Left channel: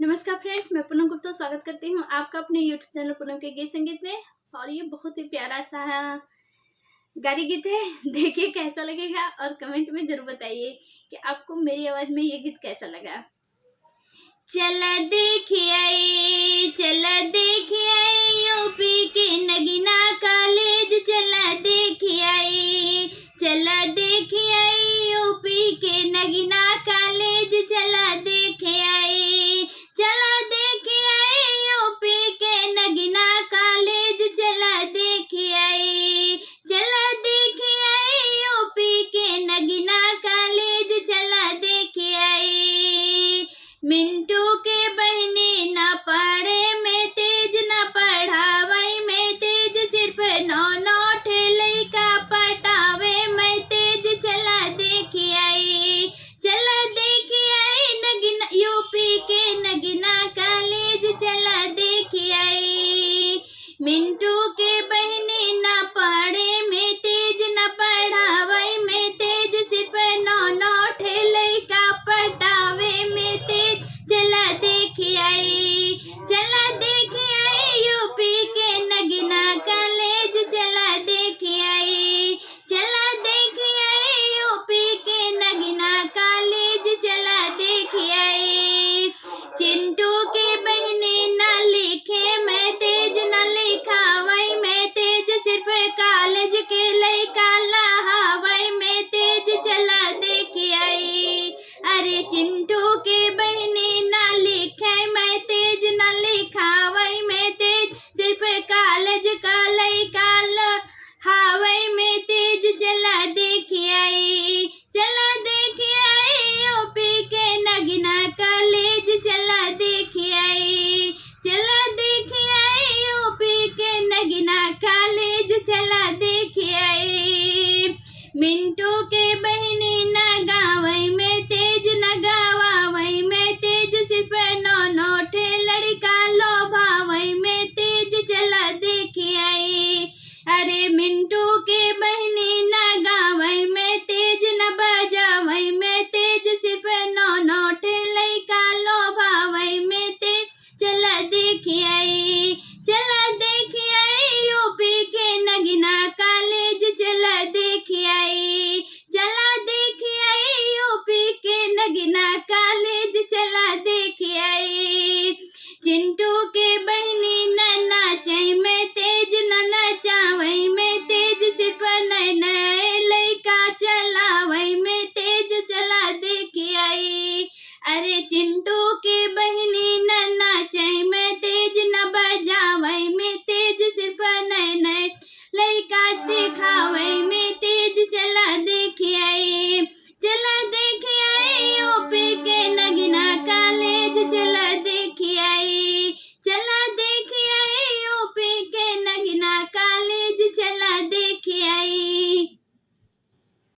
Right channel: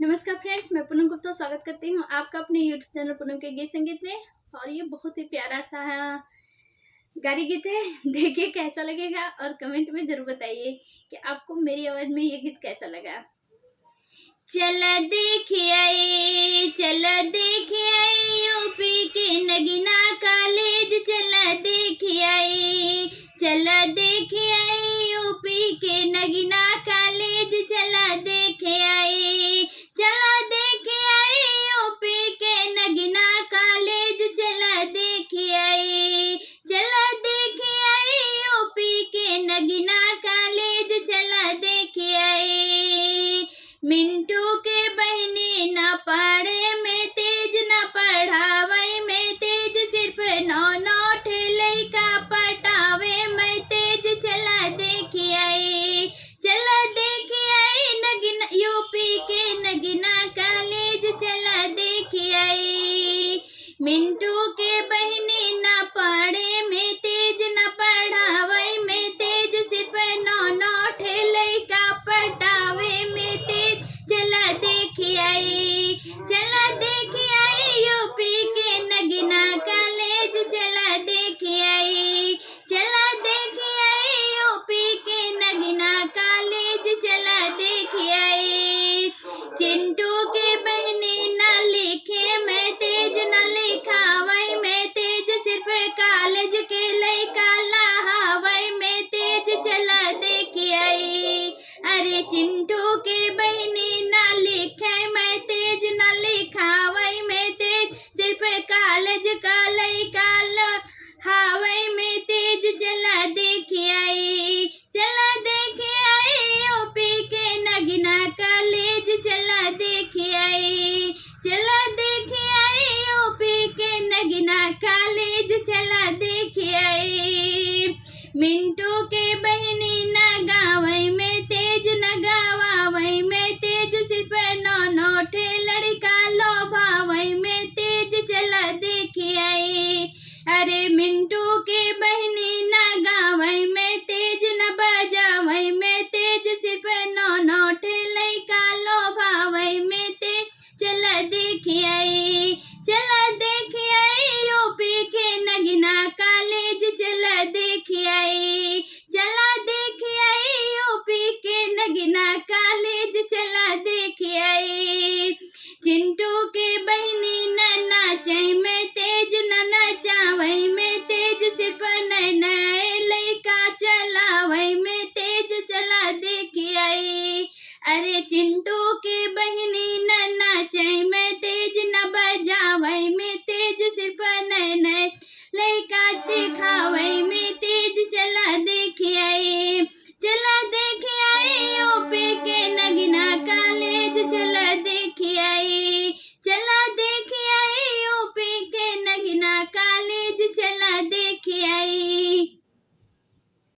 नमस्कार फ्रेंड्स, मैं पूनम गुप्ता स्वागत करती हूँ आपका अपने यूट्यूब चैनल पूनम के गीत संगीत में। और ये बहुत ही प्यारा सा गाड़ी गीत है। देखिए कैसा लगेगा और कमेंट में जरूर बताइए कि आपको मेरी आवाज में ये गीत कैसा लगा। चला देखिए यूपी के नगीना कॉलेज, चला देखिए यूपी के नगीना कॉलेज, चला देखिए यूपी के नगीना कॉलेज, चला देखिए यूपी के नगीना कॉलेज, चला देखिए। मिंटू के बहने न पढ़े में तेज, न पढ़ावे में तेज, सिर्फ नौ ठेले का पटावे में तेज, चला देखिए नगीना यूपी के नगीना कॉलेज, चला देखिए। मिंटू के बहने न पढ़े में तेज, न पढ़ावे में तेज, सिर्फ नौ ठेले का पटावे में तेज, चला देखिए यूपी के नगीना कॉलेज, चला देखिए यूपी के नगीना कॉलेज, चला देखिए। चिंटू के बहने न लिखे में तेज, न लिखावे में तेज, सिर्फ कॉलेज के लइका लहावे में तेज, चला देखिए। अरे चिंटू के बहने न लिखे में तेज, न लिखावे में तेज, सिर्फ कॉलेज का लइका लहावे में तेज, चला देखिए यूपी के नगीना कॉलेज, चला देखिए यूपी के नगीना कॉलेज, चला देखिए। मिंटू के बहने न गावे में तेज, न गवावे में तेज, सिर्फ नौ लड़का लोभावे में तेज, चला देखिए। अरे मिंटू के बहने न गावे में तेज, न बजावे में तेज, सिर्फ नौ लड़का लोभावे में तेज, चला देखिए यूपी के नगीना कॉलेज, चला देखिए यूपी के नगीना कॉलेज, चला देखिए। चिंटू के बहने न नाचे में तेज, न नचावे में तेज, सिर्फ नए लइका चलावे में तेज, चला देखिए। अरे चिंटू के बहने न नाचे में तेज, न बजावे में तेज, सिर्फ नए लइका दिखावे में तेज, चला